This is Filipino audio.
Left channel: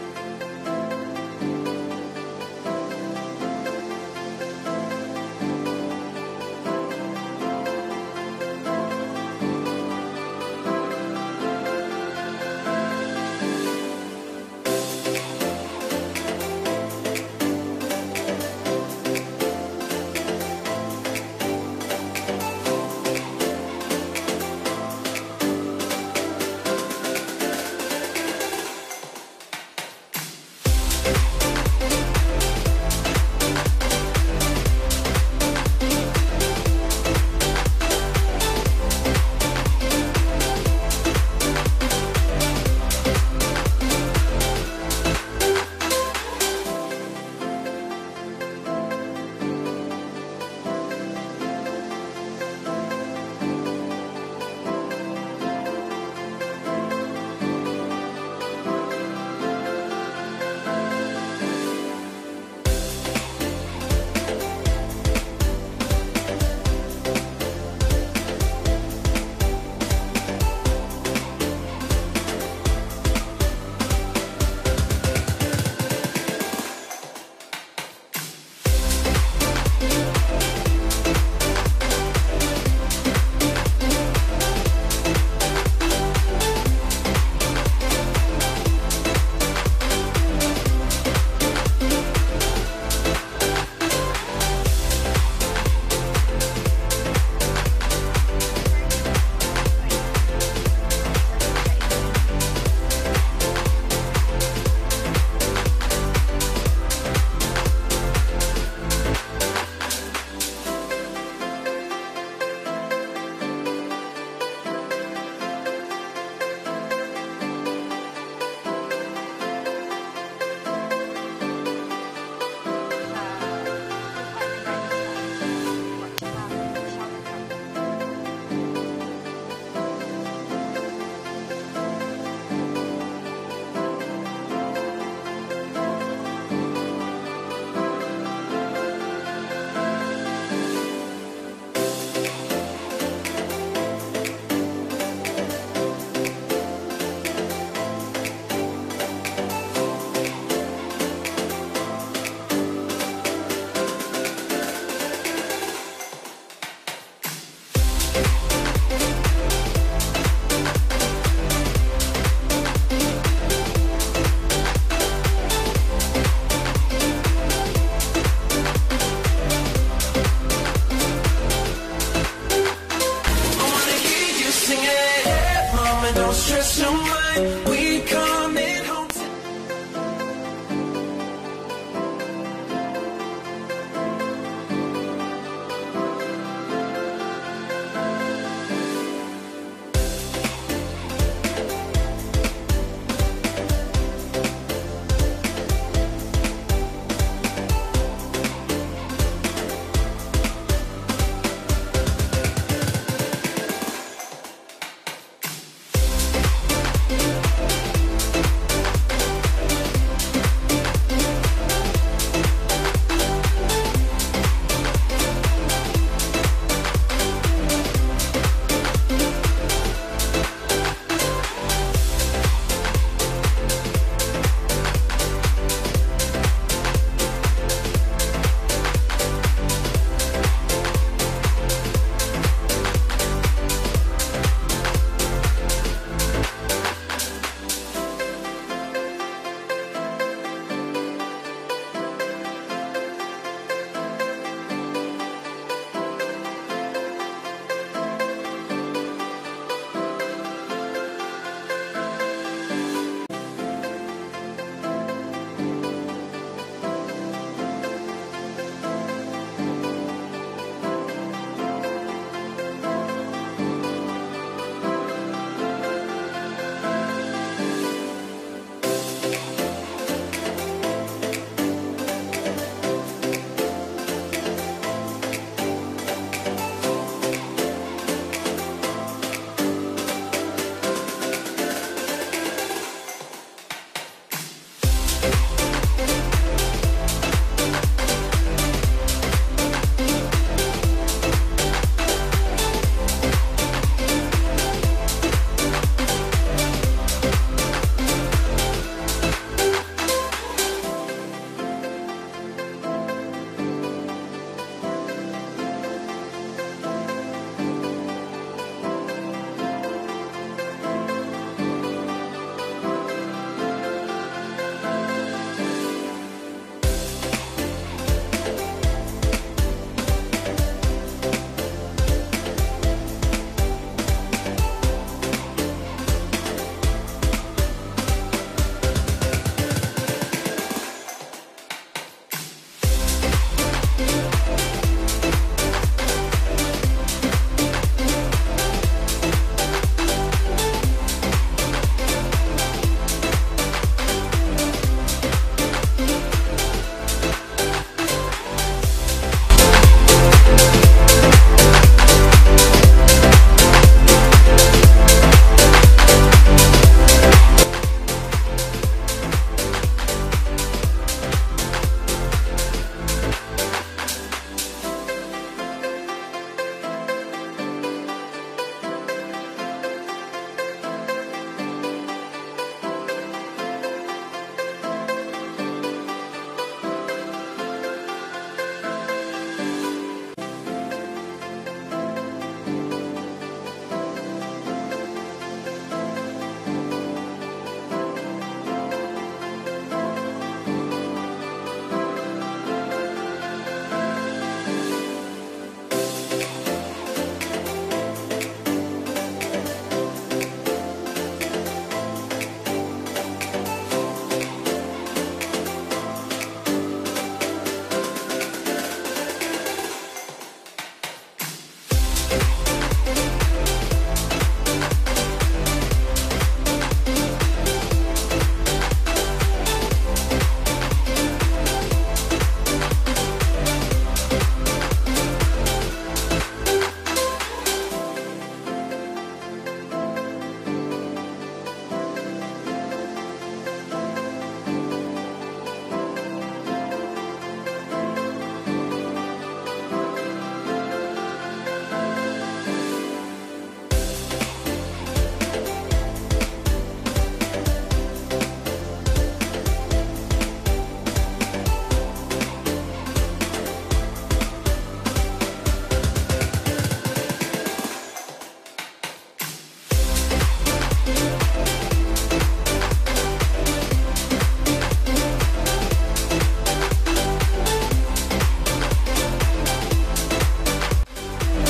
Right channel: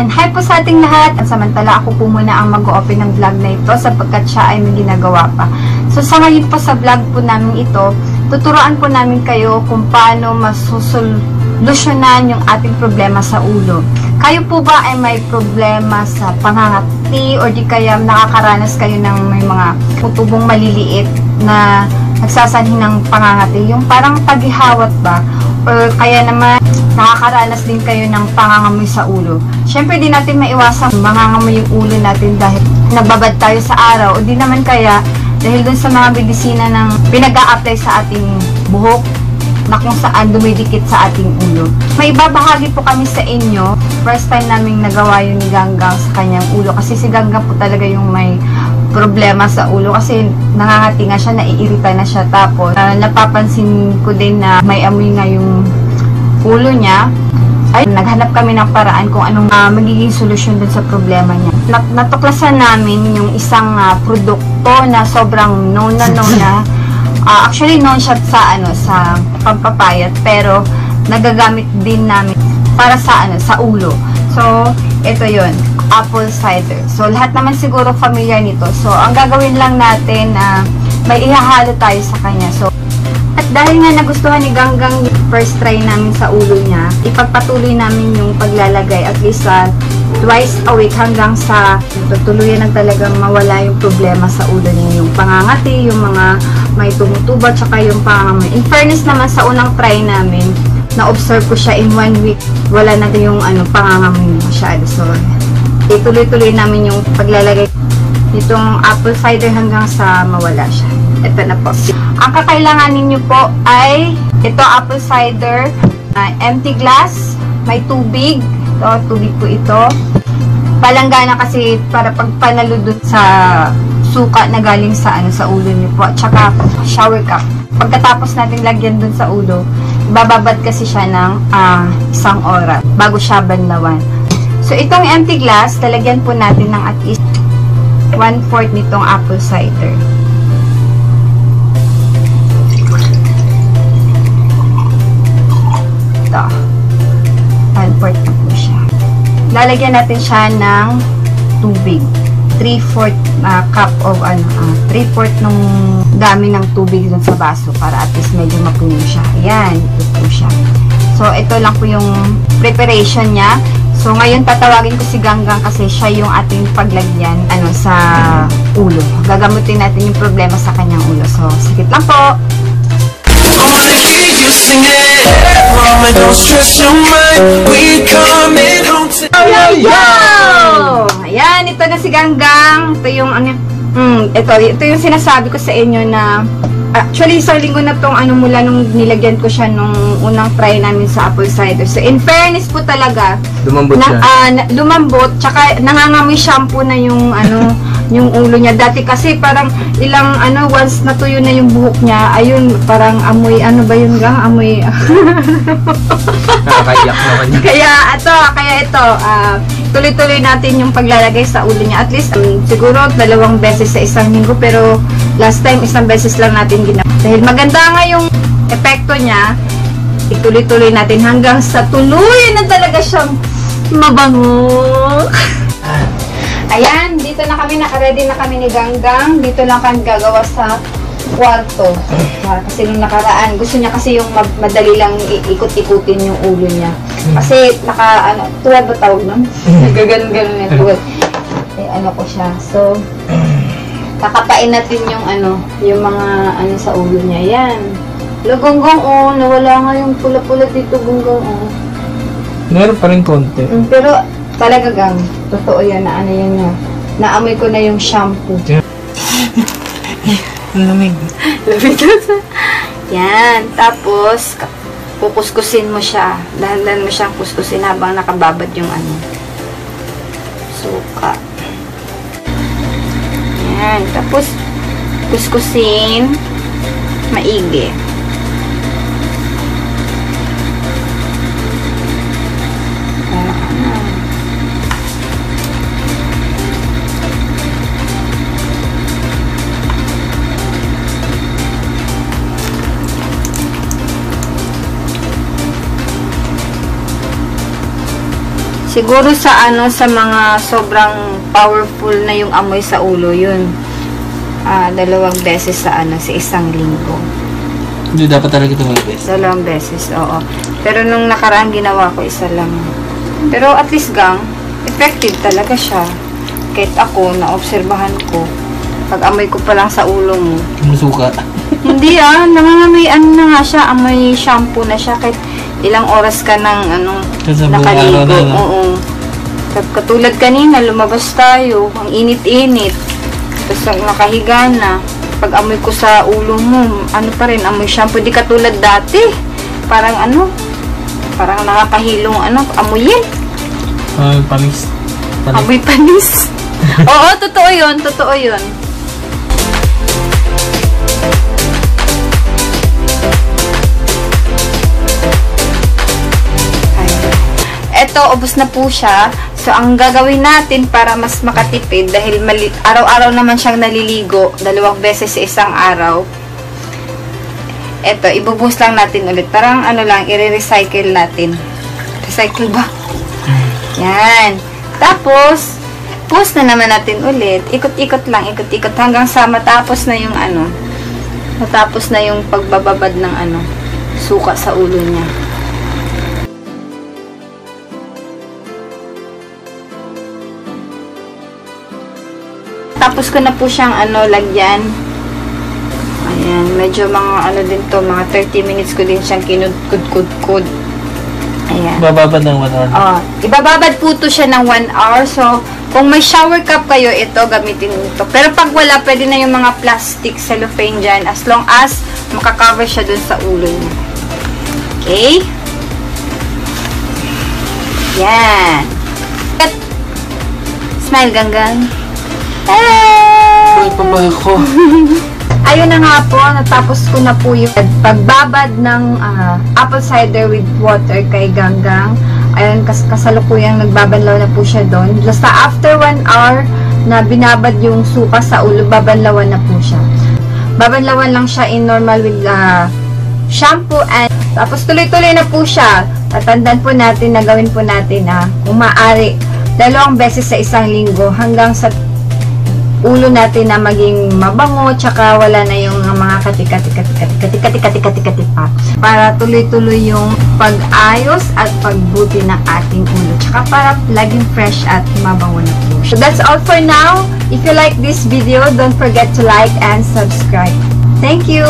Ayan, hi po sa ating lahat. Samantala ako po muna ang mag-open ng vlog na ito sapagkat siya ay may ginagawa pa. So sa ngayon po sa vlog po namin ito, tuturuan po namin kayo kung paano masusolusyonan yung ating problema sa ulo. Kayo po ba ay may problema sa pangangati o di kaya nakakaranas kayo ng may mga tubong maliliit na nagsasanhi ng pangangati? Yung parang paghihawat ba? Or kaya naman nakakaranas din kayo ng pangangamoy sa ulo. Siyempre di natin maiwasan mangangamoy yung ulo natin dahil nababad tayo sa araw o di naman kaya dahil dun sa mga medisina ng pinag-a-apply sa ating buhok na kung saan dumidikit sa ating ulo. May ibabahagi po kami sa inyo. First time namin nagawa yun ni Ganggang sa kanyang ulo kasi si Ganggang po talaga yung may problema sa ulo kasi nangangati nga siya, naiirita na siya. Tapos napapansin ko din na may amoy nga yung ulo niya. Ay, naghanap kami ng paraan kung anong magiging solusyon dun sa problema niya. Natuklasan namin yung isang produkto na sobrang known na actually known siya sa pampapayat pero nagagamit din namin para sa sa ulo. So ito yon, apple cider. So lahat naman siguro familiar nito. So ang gagawin lang natin may ihahalo tayo sa kanya. So at dahil nga nagustuhan ni Ganggang first try namin sa ulo niya, ipagpatuloy namin yung paglalagay at least twice a week hanggang sa tuluyan na talagang mawala yung problema sa ulo niya. Yung pangangati, yung mga may tumutuba, tsaka yung pangangamoy. In fairness naman sa unang try namin, na-observe ko siya in 1 week, wala na yung pangangamoy masyado. So, ituloy-tuloy namin yung paglalagay nitong apple cider hanggang sa mawala siya. Ito na po. Ang kakailangan ninyo po ay ito apple cider, empty glass, may tubig. Tubig po ito. Palanggana kasi para pagpanaludot sa suka na galing sa sa ulo niyo po. At saka shower cap. Pagkatapos natin lagyan dun sa ulo, bababad kasi siya ng 1 oras bago siya banlawan. So itong empty glass, talagyan po natin ng at least 1/4 nitong apple cider. Ito. 1/4 na po siya. Lalagyan natin siya ng tubig. 3/4 cup of 3/4 nung dami ng tubig dun sa baso para at least medyo mapuno siya. Ayan, ito po siya. So, ito lang po yung preparation niya. So, ngayon tatawagin ko si Ganggang kasi siya yung ating paglagyan sa ulo. Gagamutin natin yung problema sa kanyang ulo. So, sikip lang po. I wanna hear you sing it. Mama, don't stress your mind. We coming home tonight. Ayan, ito na si Ganggang. Ito yung ito yung sinasabi ko sa inyo na actually isang linggo na tong mula nung nilagyan ko siya nung unang try namin sa apple cider. So in fairness po talaga, lumambot siya. Lumambot, tsaka nangangamoy shampoo na yung yung ulo niya. Dati kasi parang ilang once natuyo na yung buhok niya, ayun, parang amoy, ba yun Gang? Amoy. Nakakayak naman yun. Kaya ito, tuloy-tuloy natin yung paglalagay sa ulo niya. At least, siguro 2 beses sa isang linggo, pero last time, 1 beses lang natin ginawa. Dahil maganda nga yung epekto niya, ituloy-tuloy natin hanggang sa tuluyan na talaga siyang mabango. Ayan, dito na kami, naka-ready na kami ni Ganggang. Dito lang kami gagawa sa kwarto. Kasi nung nakaraan, gusto niya kasi yung madali lang ikot-ikutin yung ulo niya. Kasi tuwad ba tawag nun? Nagaganon-ganon yung tuwad. Ko siya. So, kakapain natin yung yung mga sa ulo niya. Yan. Ganggang, nawala nga yung pula-pula dito, Ganggang, Meron pa rin konti. Pero, talaga Gang, totoo yan na yan na. Naamoy ko na yung shampoo. Lamig. Yan. Tapos, kukuskusin mo siya. Dahan-dahan mo siyang kuskusin habang nakababad yung suka. Yan. Tapos, kuskusin maigi. Siguro sa sa mga sobrang powerful na yung amoy sa ulo, yun. 2 beses sa sa isang linggo. Hindi dapat talaga ito mag-best. 2 beses, oo. Pero nung nakaraan ginawa ko, 1 lang. Pero at least effective talaga siya. Kahit ako, naobserbahan ko. Pag amoy ko pa lang sa ulo mo. Musuka. Hindi nangangamoy na nga siya, amoy shampoo na siya. Kahit ilang oras ka nang nakaligo. Oo. Katulad kanina, lumabas tayo. Ang init-init. Tapos nakahiga na. Pag amoy ko sa ulo mo, pa rin, amoy shampoo. Di katulad dati. Parang parang nakakahilong amoyin. Panis. Amoy panis. Oo, totoo yun. Totoo yun. Eto, ubos na po siya. So, ang gagawin natin para mas makatipid, dahil araw-araw naman siyang naliligo, 2 beses sa isang araw. Eto, ibubuhos lang natin ulit. Parang i-recycle natin. Recycle ba? Yan. Tapos, buhos na naman natin ulit. Ikot-ikot lang, ikot-ikot hanggang sa matapos na yung matapos na yung pagbababad ng suka sa ulo niya. Tapos ko na po siyang lagyan. Ayan, medyo mga din to, mga 30 minutes ko din siyang kinudkud-kudkud. Ayan. Bababad ng 1 hour. Ibababad po to siya ng 1 hour. So, kung may shower cup kayo, ito, gamitin ito. Pero pag wala, pwede na yung mga plastic cellophane dyan, as long as makakover siya dun sa ulo niya. Okay? Yan. Smile, ganggang. Ay, pabag ko. Ayun na nga po, natapos ko na po yung pagbabad ng apple cider with water kay Ganggang. Ayun, kasalukuyang nagbabanlaw na po siya doon. Basta after 1 hour na binabad yung suka sa ulo, babanlawan na po siya. Babanlawan lang siya in normal with shampoo and tapos tuloy-tuloy na po siya. Tatandaan po natin na gawin po natin kung maaari 2 beses sa isang linggo hanggang sa ulo natin na maging mabango, tsaka wala na yung mga katikati pa. Para tuloy-tuloy yung pag-ayos at pagbuti ng ating ulo. Tsaka para laging fresh at mabango na po. So that's all for now. If you like this video, don't forget to like and subscribe. Thank you!